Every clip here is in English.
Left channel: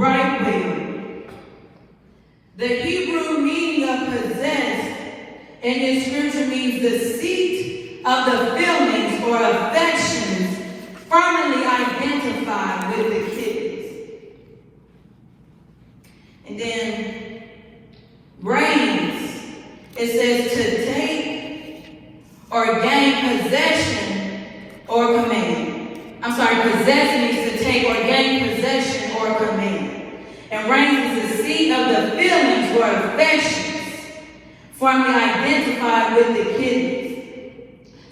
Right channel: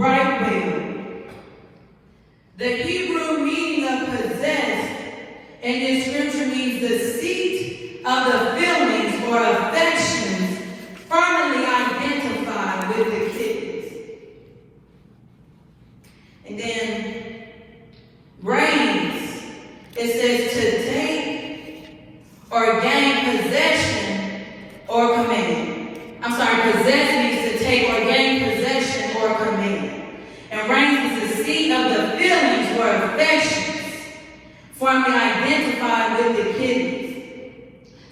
right way. The Hebrew meaning of possessed in this scripture means the seat of the feelings or affections firmly identified with the kidneys. And then reigns, it says to take or gain possession or command. Possess means to take or gain possession or command. And reigns is the seat of the feelings or affections firmly identified with the kidneys.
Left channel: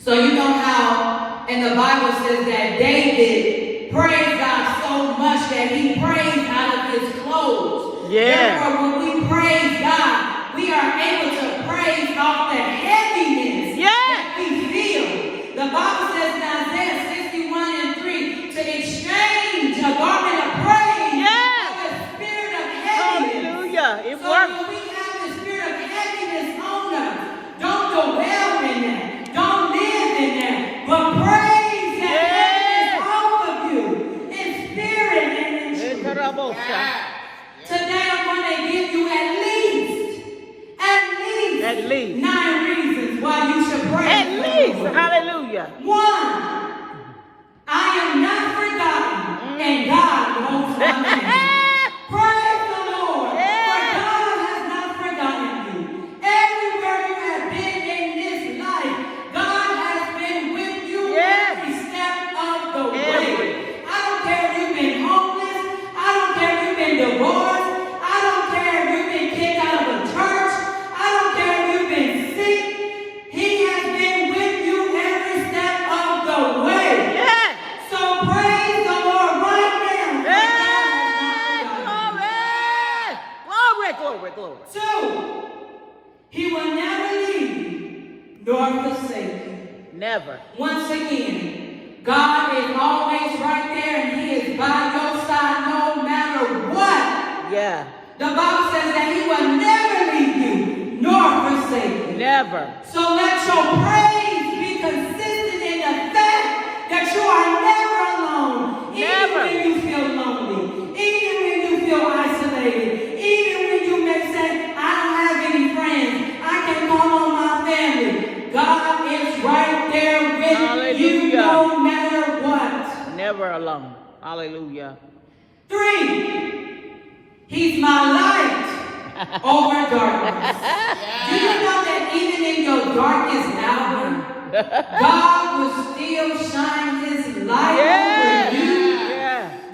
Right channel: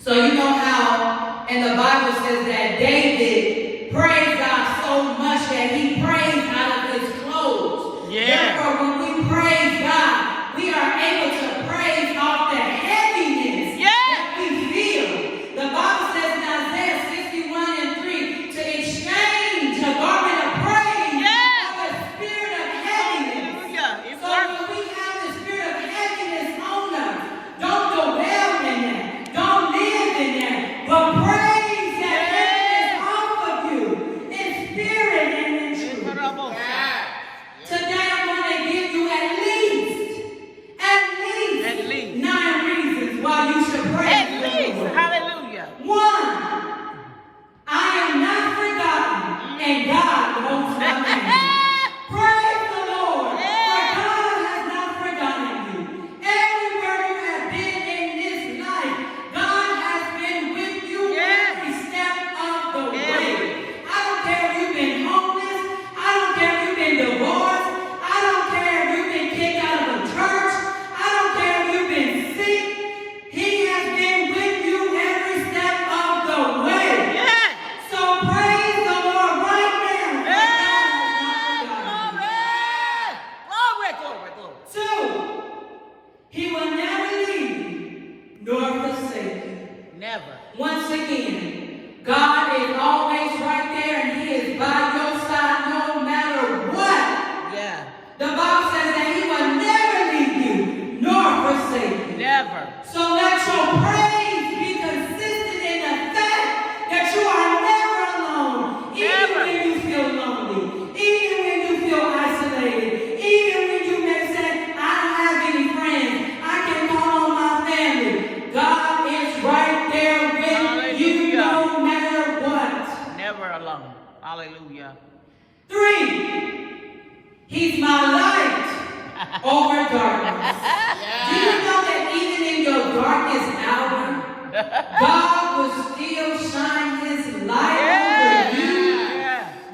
So you know how in the Bible says that David praised God so much that he praised out of his clothes. Yeah. Therefore, when we praise God, we are able to praise off the heaviness that we feel. The Bible says in Isaiah 61:3 to exchange a garment of praise for the spirit of heaviness. Hallelujah. It So works. when we have the spirit of heaviness on us, don't dwell in that. Don't live in that. But praise that heaviness off of you in spirit and in truth. Today I'm going to give you at least 9 reasons why you should praise At the least. Lord. Hallelujah. 1, I am not forgotten, and God knows my name. Praise the Lord, for God has not forgotten you. Everywhere you have been in this life, God has been with you every step of the way. I don't care if you've been homeless. I don't care if you've been divorced. I don't care if you've been kicked out of a church. I don't care if you've been sick. He has been with you every step of the way. So praise the Lord right now. Glory. 2, he will never leave nor forsake you. Never. Once again, God is always right there and he is by your side no matter what. Yeah. The Bible says that he will never leave you nor forsake you. Never. So let your praise be consistent in the fact that you are never alone. Even when you feel lonely, even when you feel isolated, even when you may say, I don't have any friends, I can call on my family. God is right there with you no matter what. Never alone. Hallelujah. 3, he's my light over darkness. Do you know that even in your darkest hour, God will still shine his light over you?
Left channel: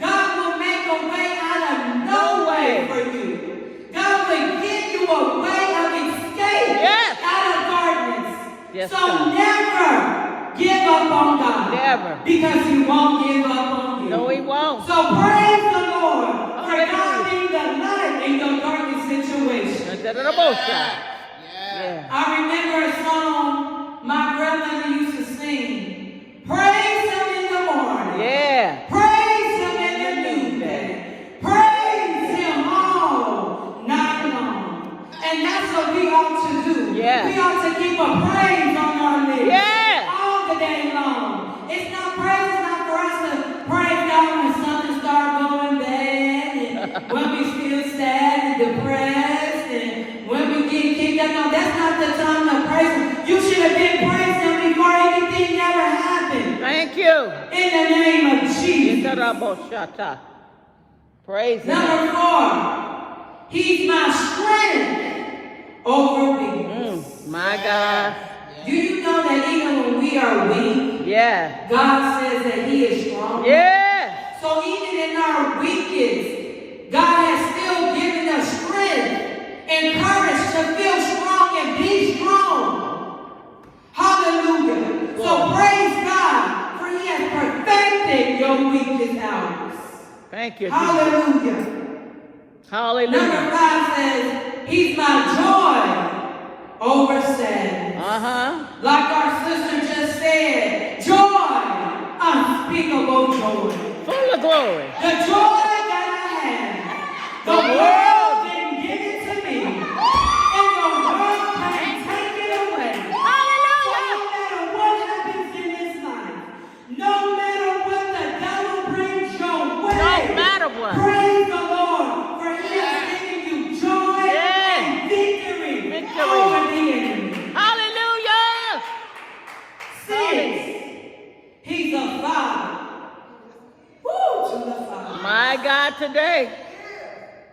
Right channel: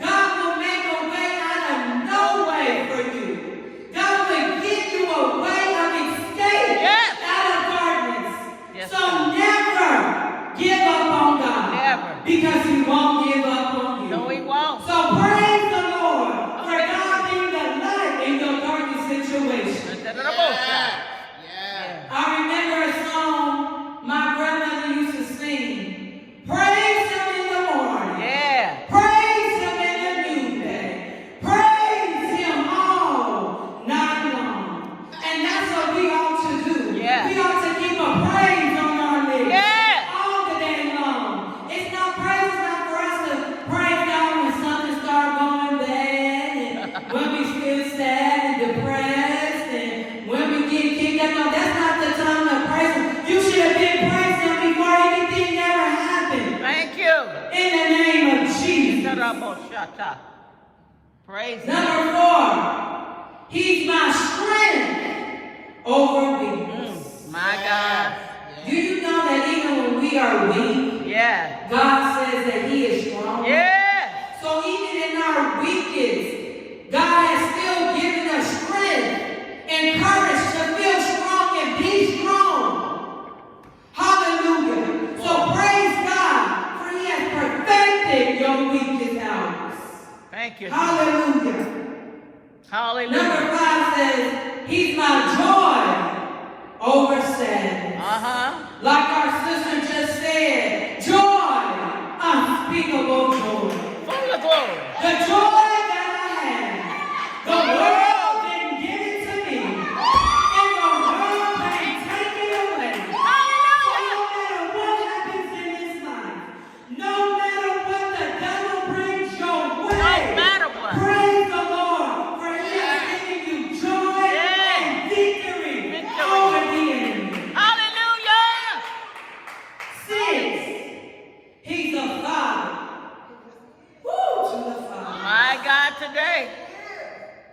God will make a way out of no way for you. God will give you a way of escape out of darkness. So never give up on God. Never. Because he won't give up on you. No, he won't. So praise the Lord for God being the light in your darkest situation. I remember a song my grandmother used to sing. Praise him in the morning. Praise him in the noonday. Praise him all night long. And that's what we ought to do. We ought to keep a praise on our lips all the day long. It's not for us to praise God when something starts going bad and when we feel sad and depressed and when we get kicked out. No, that's not the time to praise him. You should have been praising him before anything ever happened. Thank you. In the name of Jesus. Praise him. Number 4, he's my strength over weakness. My God. Do you know that even when we are weak, God says that he is strong? So even in our weakness, God has still given us strength and courage to feel strong and be strong. Hallelujah. So praise God, for he has perfected your weakest hours. Thank you. Hallelujah. Hallelujah. Number 5 says, he's my joy over sadness. Like our sister just said, joy, unspeakable joy. Full of glory. The joy that I have, the world didn't give it to me, and the world can't take it away. So no matter what happens in this life, no matter what the devil brings your way, praise the Lord. right.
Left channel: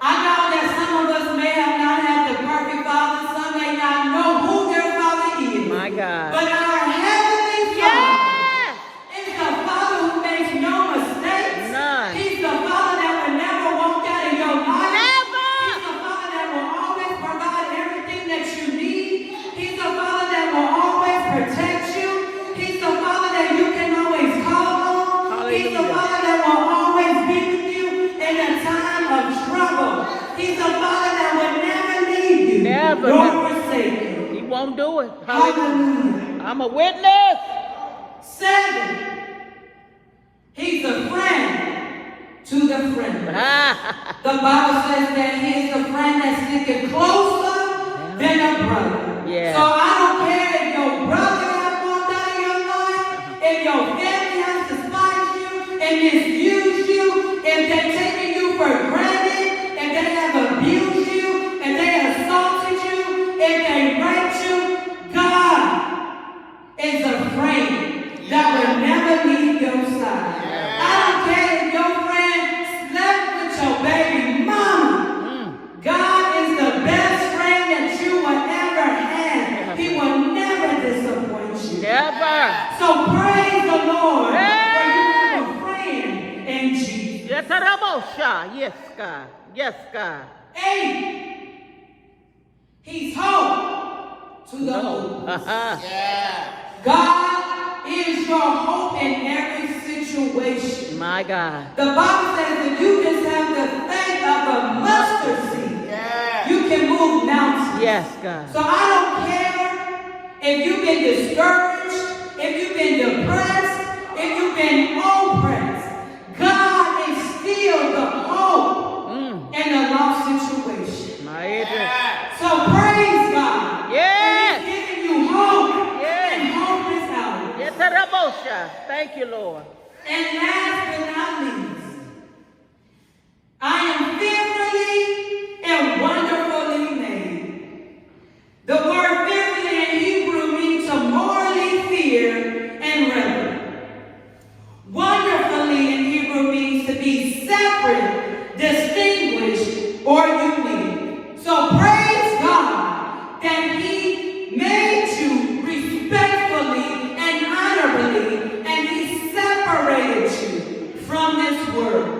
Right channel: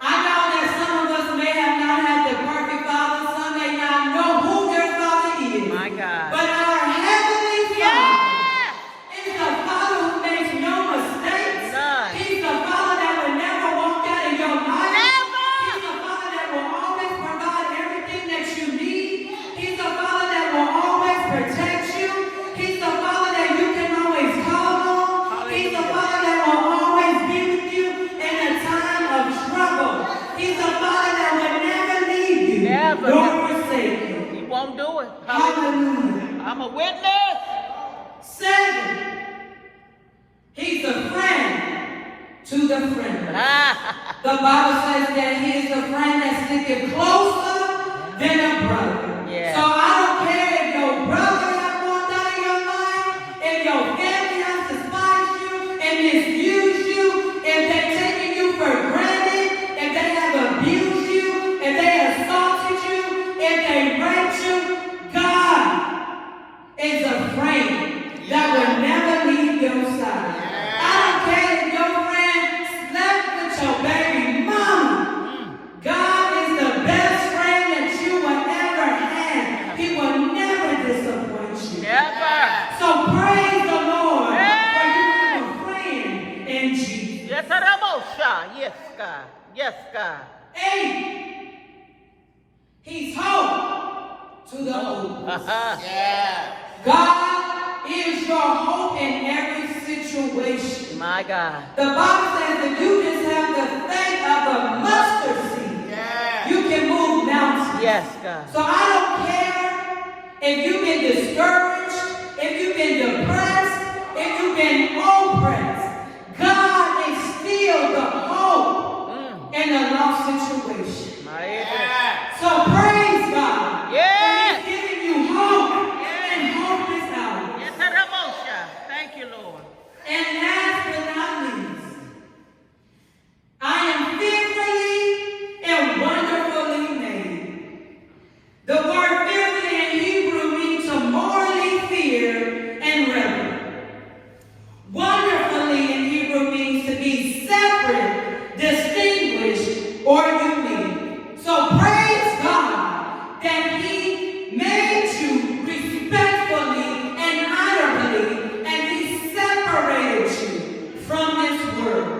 I know that some of us may have not had the perfect father. Some may not know who their father is. My God. But our Heavenly Father Yeah. is the Father who makes no mistakes. None. He's the Father that will never walk out of your life. Never. He's the Father that will always provide everything that you need. He's the Father that will always protect you. He's the Father that you can always call on. He's the Father that will always be with you in a time of trouble. He's the Father that will never leave you Never. nor forsake you. He won't do it. Hallelujah. I'm a witness. Second, He's a friend to the friendless. The Bible says that He is a friend that sticks closer than a brother. Yeah. So I don't care if your brother has walked out of your life, if your family has despised you and misused you, if they're taking you for granted, if they have abused you, if they assaulted you, if they raped you. God is a friend that will never leave your side. I don't care if your friend slept with your baby mama. God is the best friend that you will ever have. He will never disappoint you. Never. So praise the Lord for you have a friend in Jesus. Yes, Arabosha. Yes, God. Yes, God. 8. He's hope to the hopeless. God is your hope in every situation. My God. The Bible says that you just have the faith of a mustard seed. You can move mountains. Yes, God. So I don't care if you've been discouraged, if you've been depressed, if you've been oppressed. God is still the hope in a lost situation. My God. So praise God. Yes. For He's giving you hope. Yes. And hope is out. Yes, Arabosha. Thank you, Lord. And last but not least, I am fearfully and wonderfully made. The word fearfully in Hebrew means to morally fear and reverence. Wonderfully in Hebrew means to be separate, distinguished, or unique. So praise God that He made you respectfully and honorably, and He separated you from this world.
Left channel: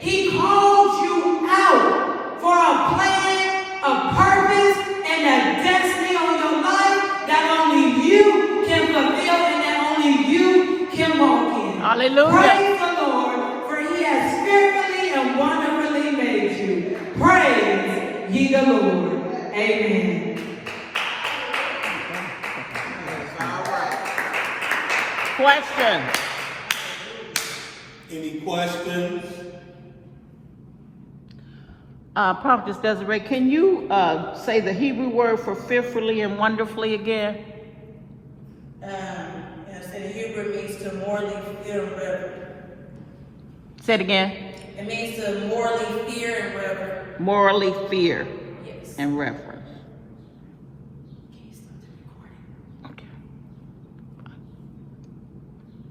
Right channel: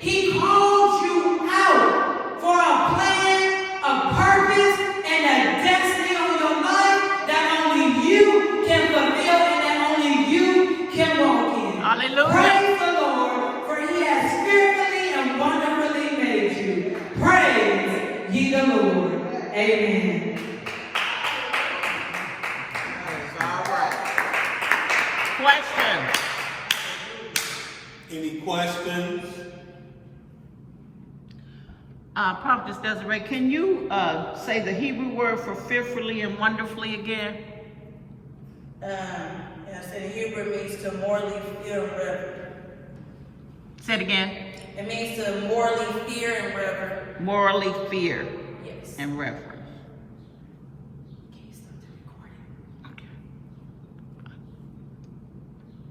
He called you out for a plan, a purpose, and a destiny on your life that only you can fulfill and that only you can walk in. Hallelujah. Praise the Lord, for He has fearfully and wonderfully made you. Praise ye the Lord. Amen. Questions? Any questions? Prophetess Desiree, can you say the Hebrew word for fearfully and wonderfully again? Yes, in Hebrew it means to morally fear and reverence. Say it again. It means to morally fear and reverence. Morally fear Yes. and reverence.